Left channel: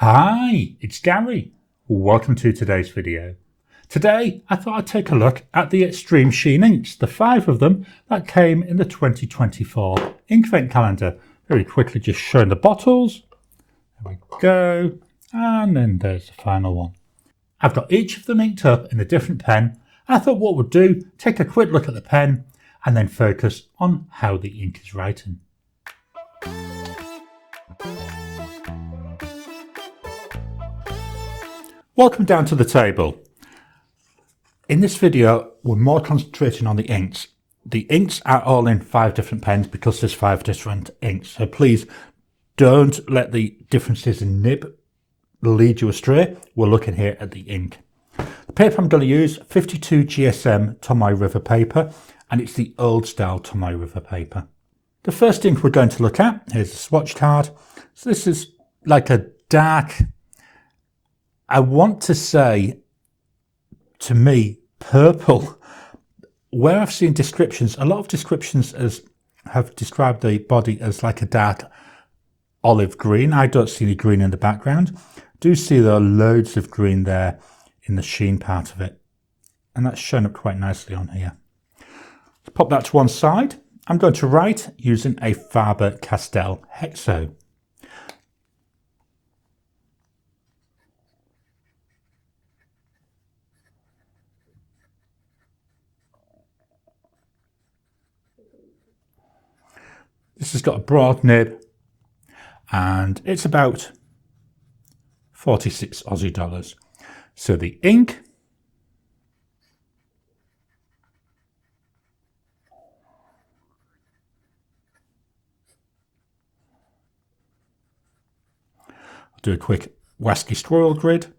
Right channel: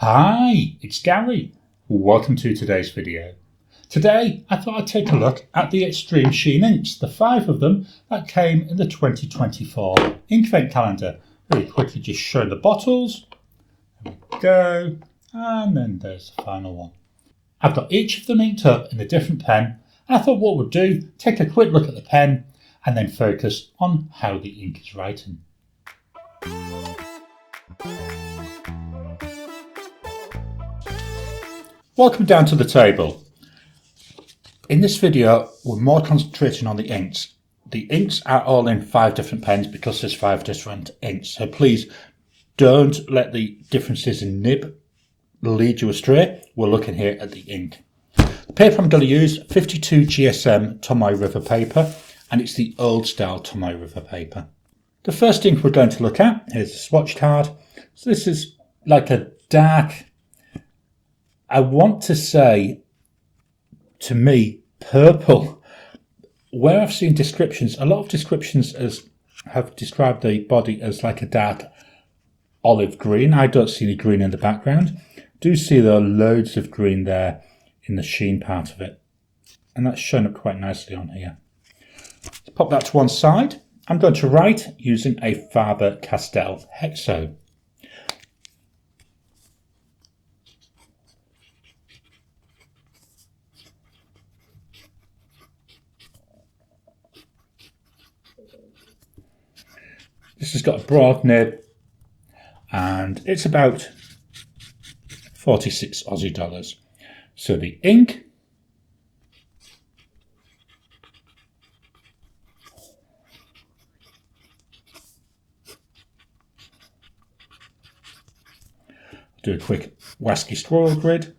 Hi, it's Gary. Welcome to today's video. Today, I thought I'd take a look at the Extreme Sheen inks, the 5 of them that came in the 2024 Inkvent calendar. Very quickly just showing the bottles. There we go. And then there's the final one. I've got each of them inked up in a different pen. And I thought what we'd do, take a quick look at the pen and then focus on how the ink is writing. Welcome down to the table. In this video, we're more concentrating on the inks. The inks are all in 5 different pens because there's 5 different inks. So please don't let the differences in nib lead you astray. We're looking here at the ink. The paper I'm going to use, 52 GSM Tomoe River paper, and it's the old style Tomoe River paper. The first ink we're going to look at, here's the swatch card. So this is like a dark, I want to say, to me, purple. Where I've seen descriptions, a lot of descriptions have described the body as like a dark olive green. I don't see any green in the background. Do see there are loads of green there in the sheen part of it. And that's shown up quite nicely on here. Let's pop that to one side. I'm going to write using a Faber-Castell Hexo. This has got a broad nib and it's about 46 Aussie dollars. So the ink I'll do a quick WSGI scroll grid.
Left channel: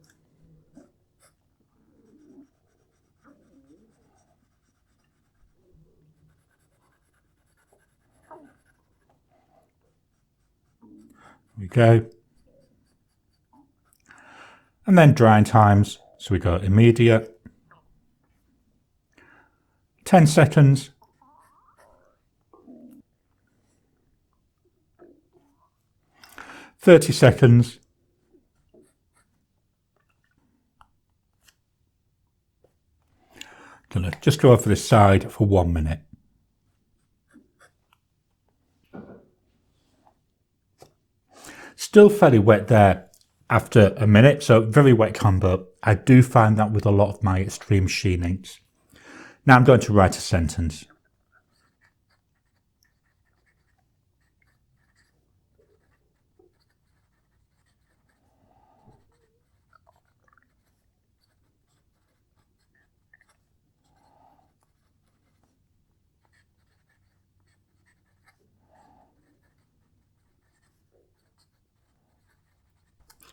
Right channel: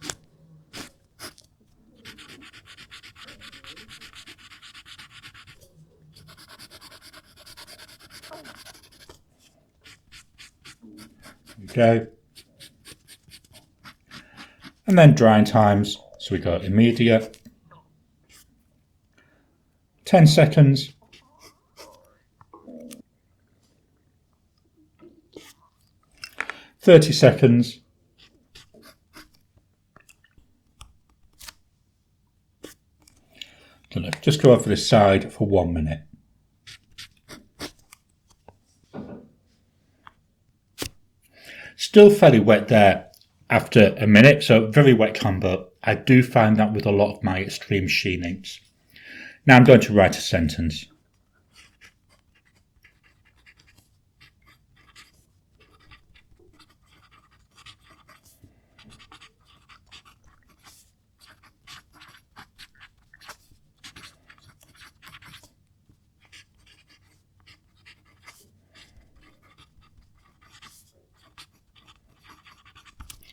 There we go. And then drying times. So we go immediate, 10 seconds, 30 seconds, gonna just go over this side for 1 minute. Still fairly wet there after a minute, so very wet combo. I do find that with a lot of my Extreme Sheen inks. Now I'm going to write a sentence.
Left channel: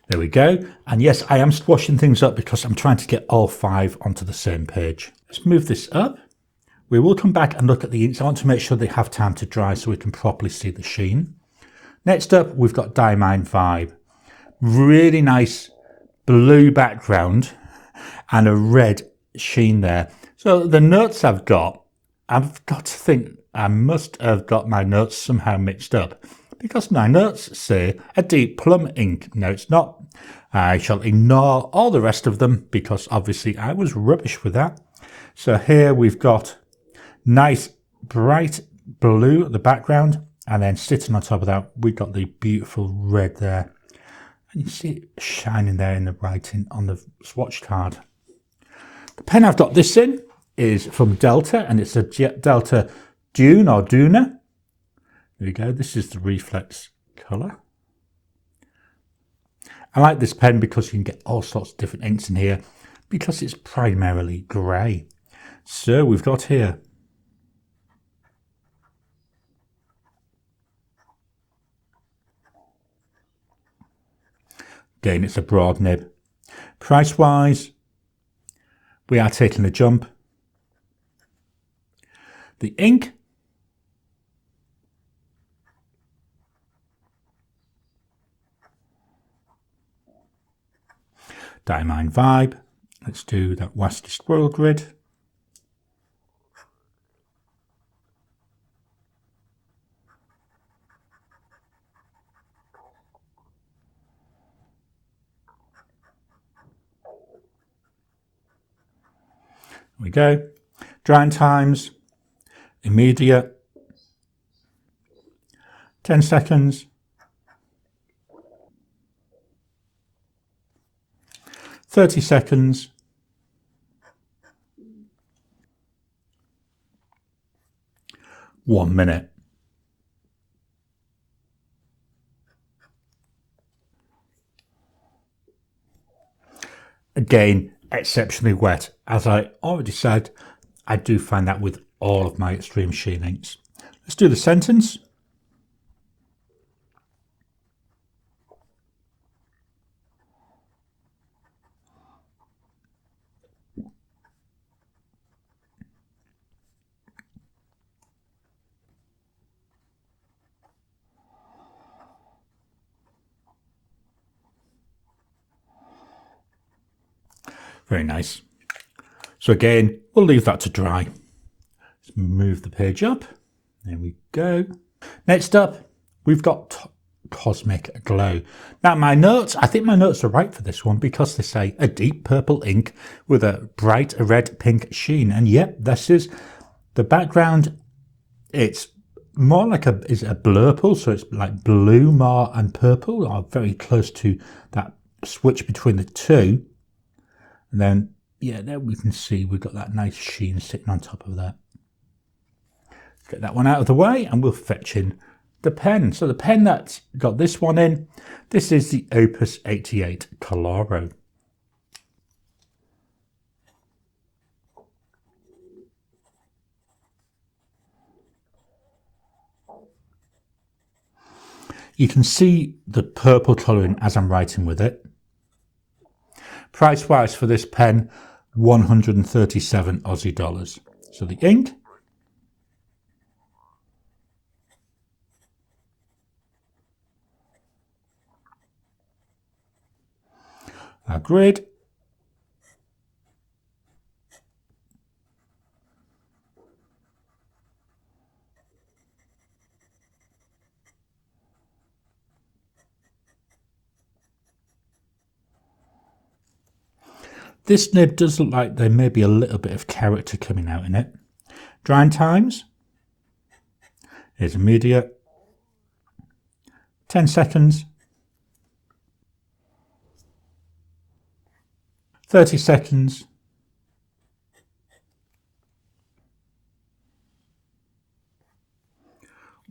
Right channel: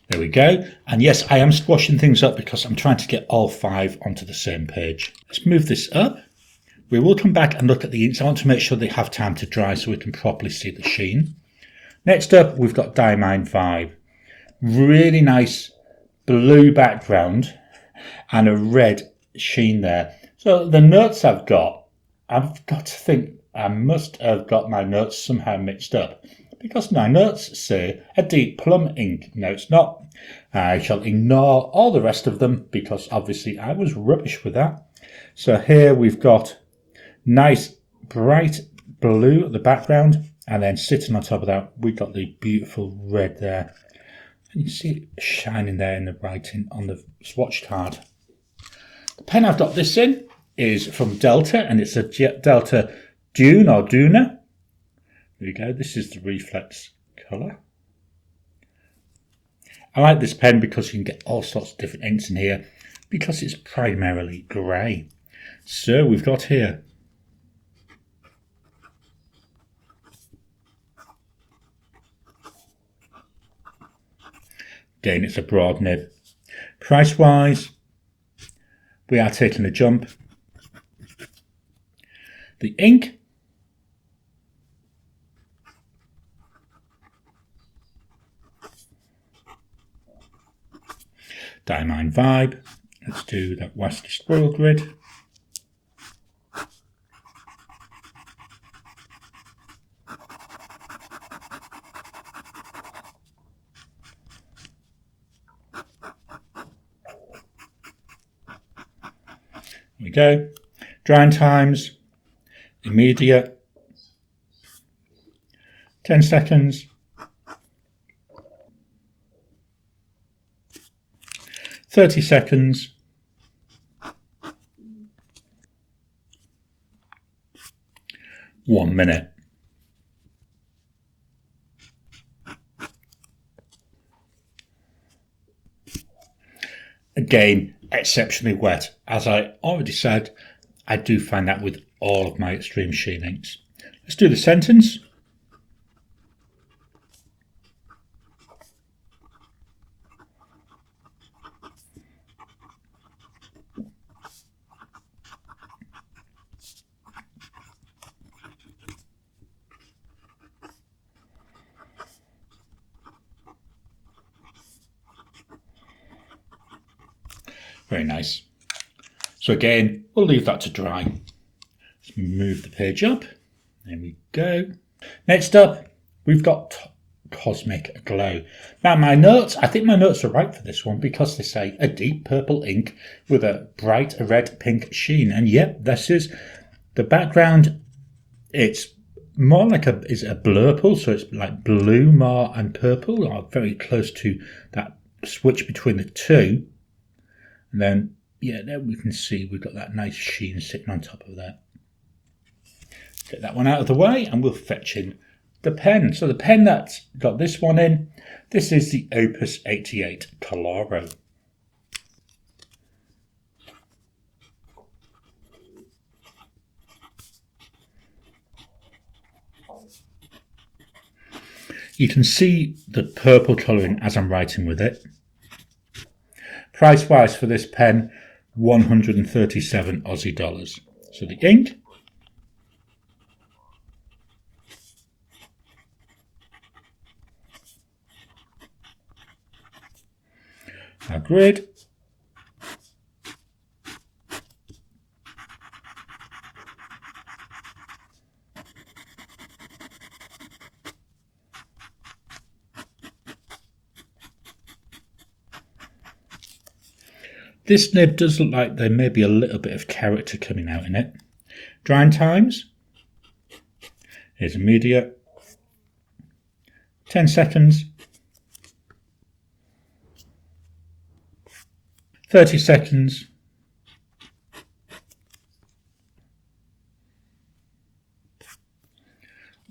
There we go. And yes, I am squashing things up because I'm trying to get all 5 onto the same page. Let's move this up. We will come back and look at the inks. I want to make sure they have time to dry so we can properly see the sheen. Next up, we've got Diamine Vibe. Really nice blue background and a red sheen there. So the notes I've got to think I must have got my notes somehow mixed up, because my notes say a deep plum ink. No, it's not. I shall ignore all the rest of them because obviously I was rubbish with that. So here we've got nice bright blue at the background, and then sitting on top of that we've got the beautiful red there. And you see it shining there in the writing on the swatch card. The pen I've got this in is from Delta, and it's a Delta Dune or Dune. There you go, this is the reflex colour. I like this pen because you can get all sorts of different inks in here because it's primarily grey. So we've got here again, it's a broad nib. Price wise, we are taking a jump. The ink, Diamine Vibe. Let's do that WSGI scroll grid. we go. Drying times, immediate, 10 seconds, 30 seconds, 1 minute. Again, exceptionally wet. As I already said, I do find that with all of my Extreme Sheen inks. Let's do the sentence. Very nice. So again, we'll leave that to dry. Let's move the page up. There we go. Next up, we've got Cosmic Glow. Now my notes, I think my notes are right for this one because they say a deep purple ink with a bright red pink sheen. And yep, this is the background. It's more like is a blurple, so it's like blue more and purple, or very close to that switch between the two. And then, yeah, there we can see we've got that nice sheen sitting on top of that. Get that one out of the way and we'll fetch in the pen. So the pen that's got this one in, this is the Opus 88 Koloro. You can see the purple colouring as I'm writing with it. Price wise for this pen, 137 Aussie dollars. So the ink, our grid, this nib does look like there may be a little bit of character coming out in it. Drying times is immediate, 10 seconds, 30 seconds,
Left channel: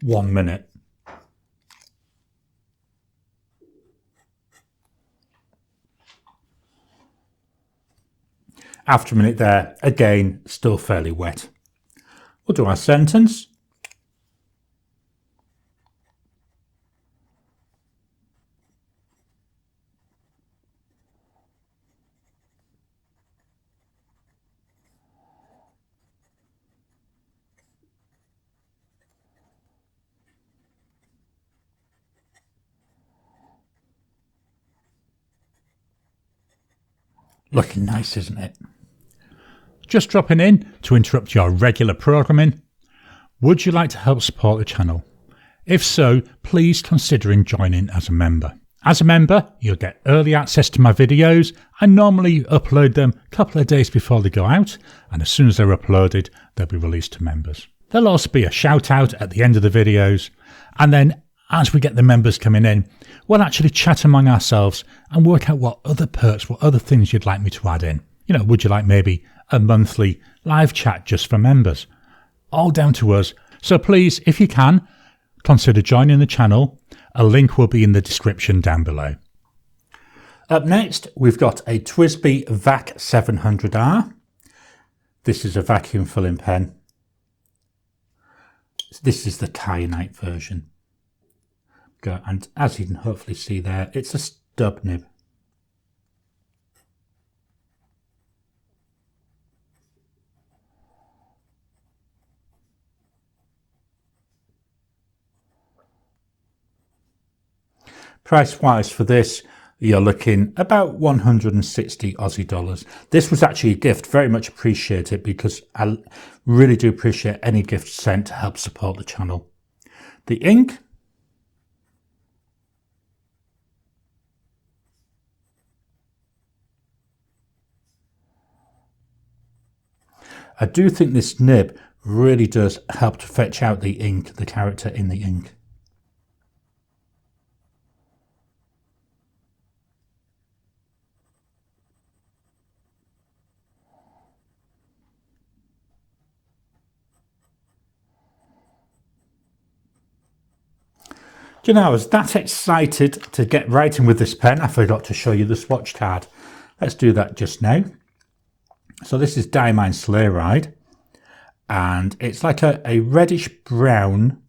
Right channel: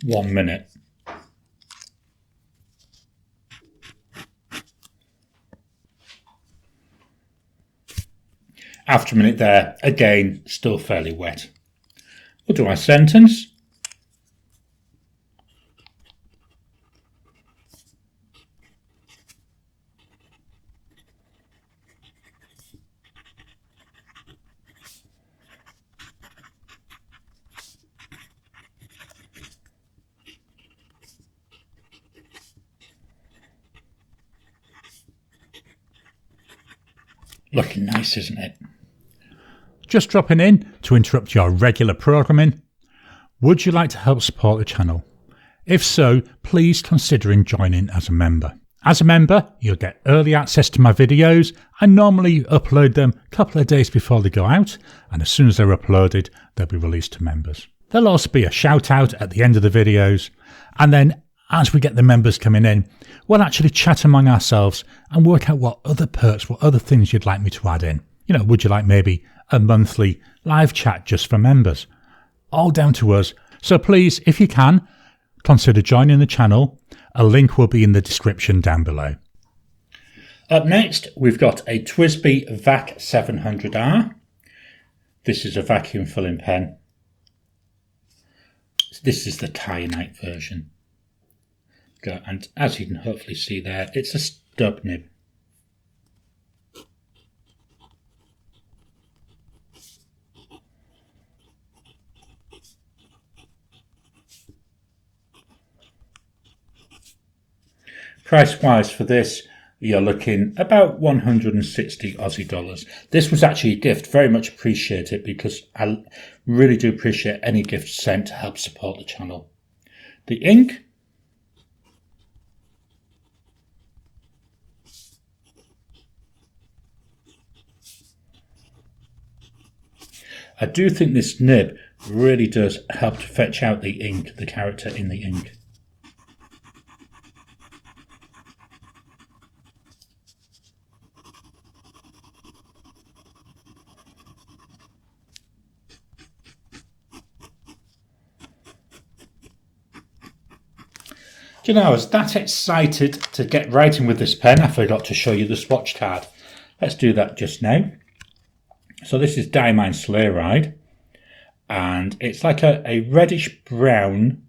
1 minute. After a minute there, again, still fairly wet. We'll do our sentence. Looking nice, isn't it? Just dropping in to interrupt your regular programming. Would you like to help support the channel? If so, please consider joining as a member. As a member, you'll get early access to my videos. I normally upload them a couple of days before they go out, and as soon as they're uploaded, they'll be released to members. There'll also be a shout out at the end of the videos, and then as we get the members coming in, we'll actually chat among ourselves and work out what other perks, what other things you'd like me to add in. You know, would you like maybe a monthly live chat just for members? All down to us. So please, if you can, consider joining the channel. A link will be in the description down below. Up next, we've got a TWSBI VAC 700R. This is a vacuum filling pen. This is the kyanite version. And as you can hopefully see there, it's a stub nib. Price wise for this, you're looking about 160 Aussie dollars. This was actually a gift, very much appreciate it because I really do appreciate any gift sent to help support the channel. The ink, I do think this nib really does help to fetch out the ink, the character in the ink. You know, I was that excited to get writing with this pen, I forgot to show you the swatch card. Let's do that just now. So this is Diamine Sleigh Ride, and it's like a reddish brown,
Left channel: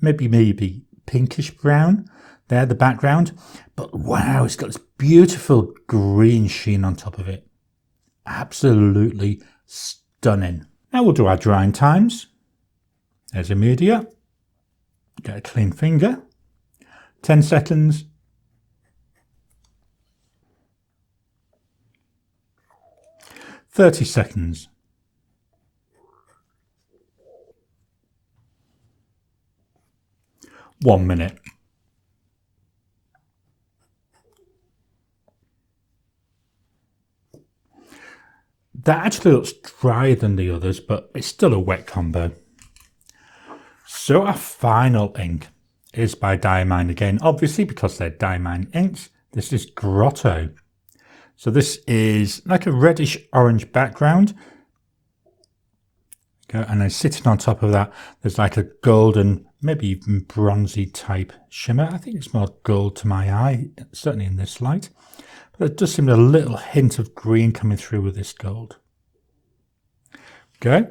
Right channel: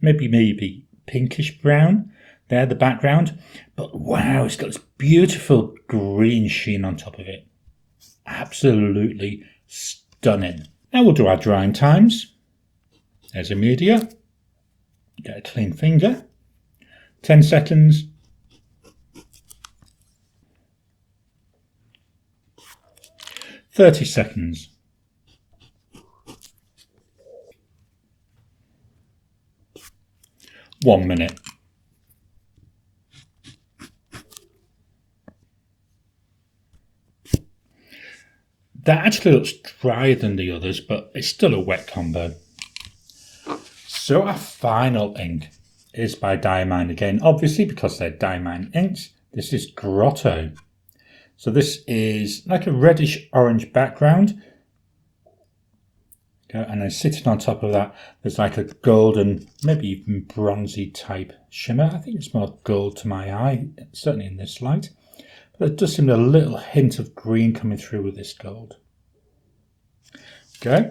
maybe pinkish brown there, the background. But wow, it's got this beautiful green sheen on top of it. Absolutely stunning. Now we'll do our drying times. There's a media. Get a clean finger. 10 seconds. 30 seconds. 1 minute. That actually looks drier than the others, but it's still a wet combo. So our final ink is by Diamine again, obviously because they're Diamine inks. This is Grotto. So this is like a reddish orange background. Okay, and then sitting on top of that, there's like a golden, maybe even bronzy type shimmer. I think it's more gold to my eye, certainly in this light. But there does seem a little hint of green coming through with this gold. Okay,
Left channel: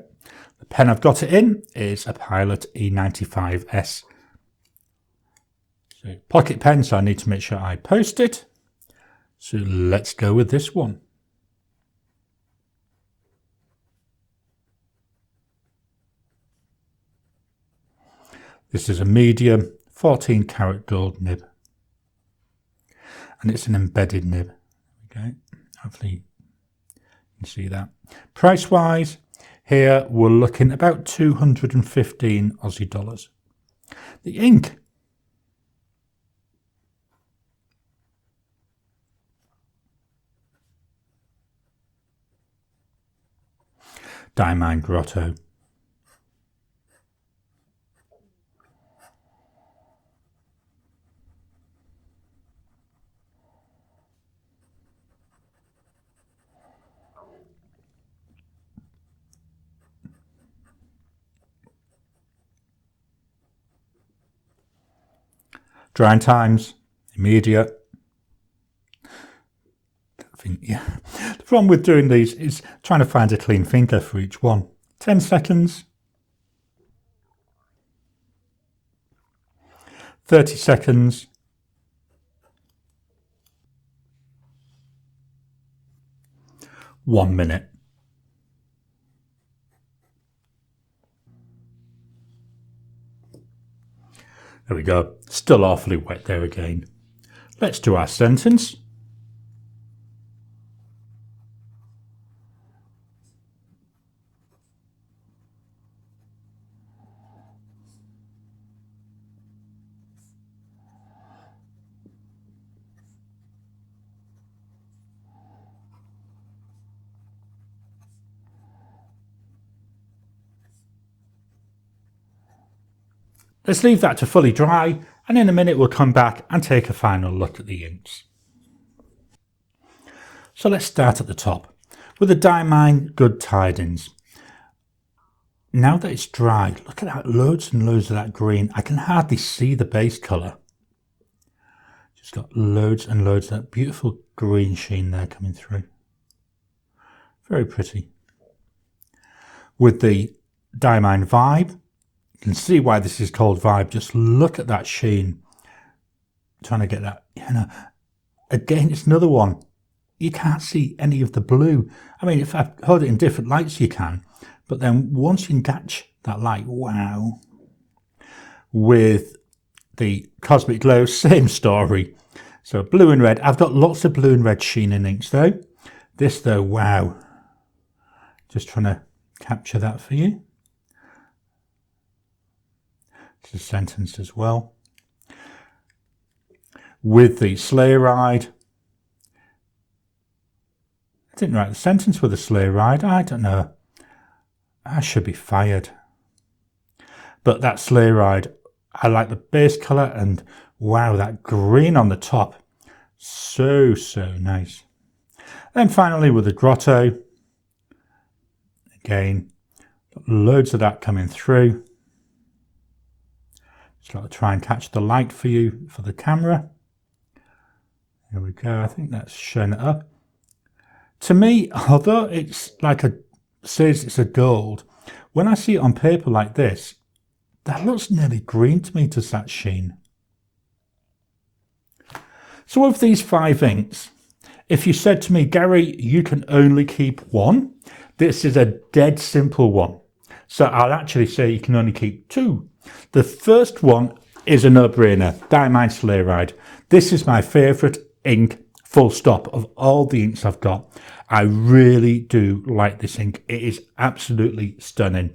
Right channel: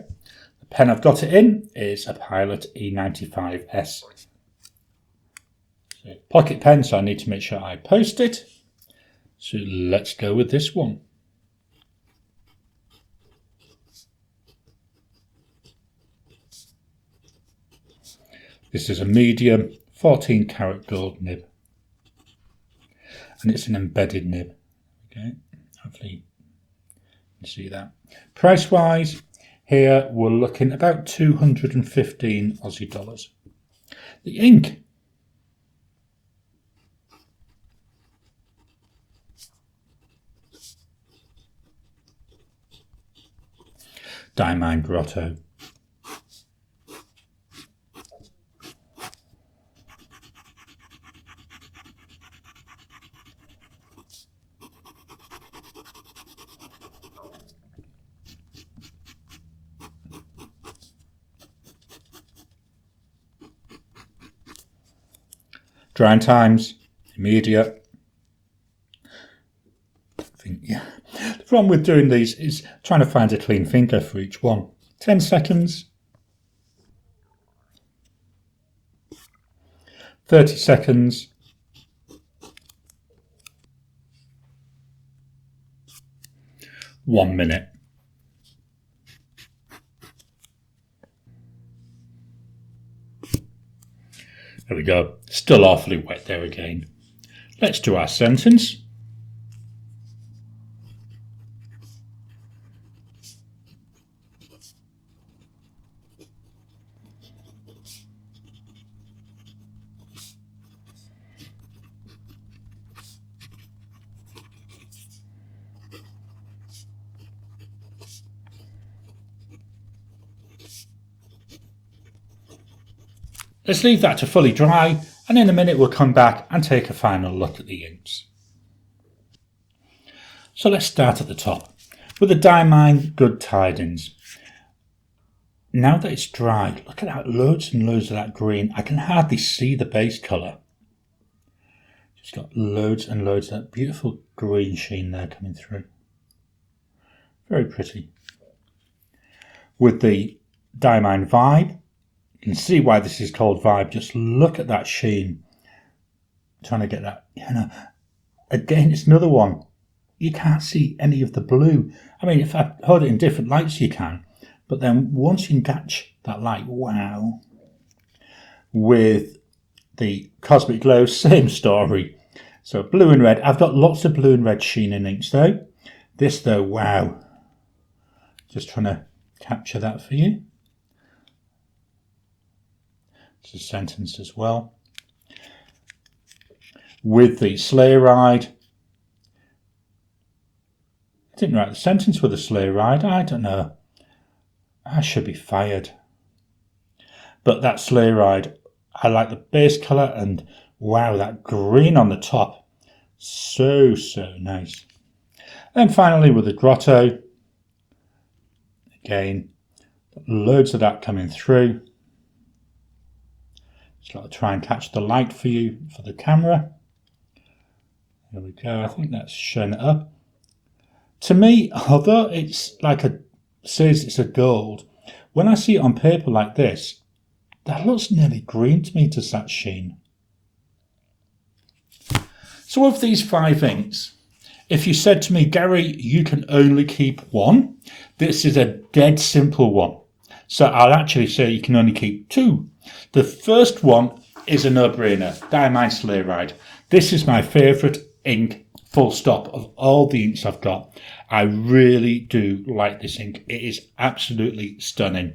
the pen I've got it in is a Pilot E95S. So pocket pen, so I need to make sure I post it. So let's go with this one. This is a medium 14 karat gold nib. And it's an embedded nib. Okay, hopefully you can see that. Price wise, here we're looking about 215 Aussie dollars. The ink. Diamine Grotto. Drying times, immediate. I think, yeah. The problem with doing these is trying to find a clean finger for each one. 10 seconds. 30 seconds. 1 minute. There we go. Still awfully wet there again. Let's do our sentence. Let's leave that to fully dry, and in a minute we'll come back and take a final look at the inks. So let's start at the top with the Diamine Good Tidings. Now that it's dry, look at that, loads and loads of that green. I can hardly see the base colour. Just got loads and loads of that beautiful green sheen there coming through. Very pretty. With the Diamine Vibe, you can see why this is called Vibe. Just look at that sheen. I'm trying to get that, you know. Again, it's another one. You can't see any of the blue. I mean, if I hold it in different lights, you can. But then once you can catch that light, wow. With the Cosmic Glow, same story. So blue and red. I've got lots of blue and red sheen in inks though. This though, wow. Just trying to capture that for you. It's a sentence as well. With the Sleigh Ride. I didn't write the sentence with the Sleigh Ride. I don't know. I should be fired. But that Sleigh Ride, I like the base colour, and wow, that green on the top. So nice. Then finally with the Grotto, again, loads of that coming through. Just got to try and catch the light for you for the camera. There we go. I think that's showing it up. To me, although it's like says it's a gold, when I see it on paper like this, that looks nearly green to me, does that sheen. So of these 5 inks, if you said to me, Gary, you can only keep one, this is a dead simple one. So I'll actually say you can only keep 2. The first one is a no-brainer, Diamine Sleigh Ride. This is my favourite ink, full stop, of all the inks I've got. I really do like this ink. It is absolutely stunning.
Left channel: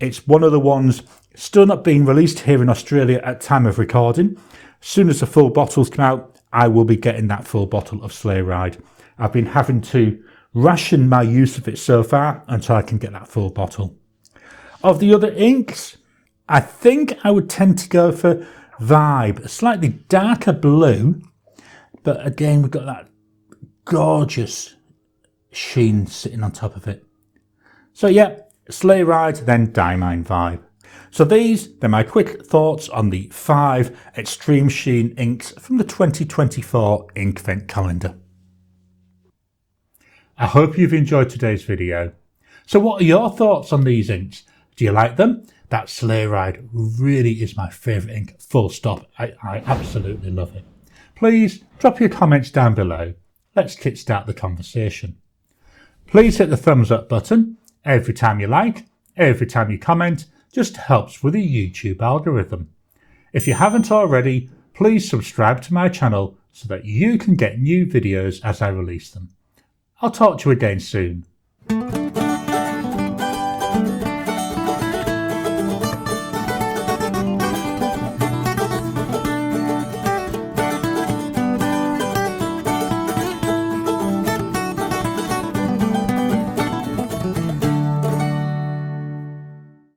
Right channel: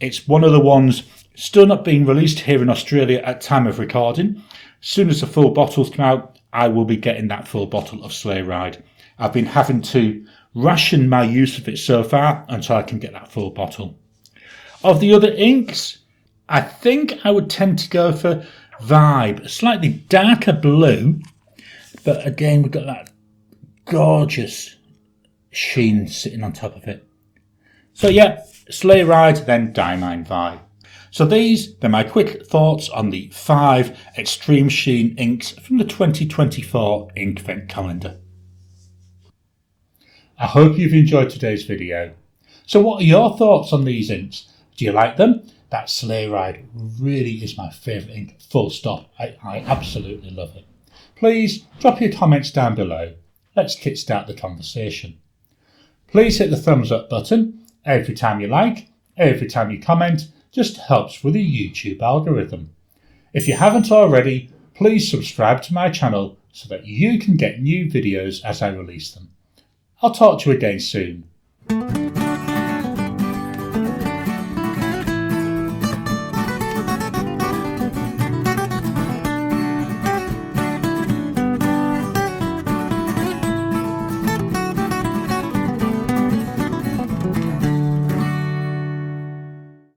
It's one of the ones still not being released here in Australia at time of recording. As soon as the full bottles come out, I will be getting that full bottle of Sleigh Ride. I've been having to ration my use of it so far until I can get that full bottle. Of the other inks, I think I would tend to go for Vibe, a slightly darker blue, but again we've got that gorgeous sheen sitting on top of it. So yeah, Sleigh Ride, then Diamine Vibe. So they're my quick thoughts on the 5 Extreme Sheen inks from the 2024 Inkvent calendar. I hope you've enjoyed today's video. So what are your thoughts on these inks? Do you like them? That Sleigh Ride really is my favourite ink, full stop. I absolutely love it. Please drop your comments down below. Let's kickstart the conversation. Please hit the thumbs up button every time you like, every time you comment. Just helps with the YouTube algorithm. If you haven't already, please subscribe to my channel so that you can get new videos as I release them. I'll talk to you again soon.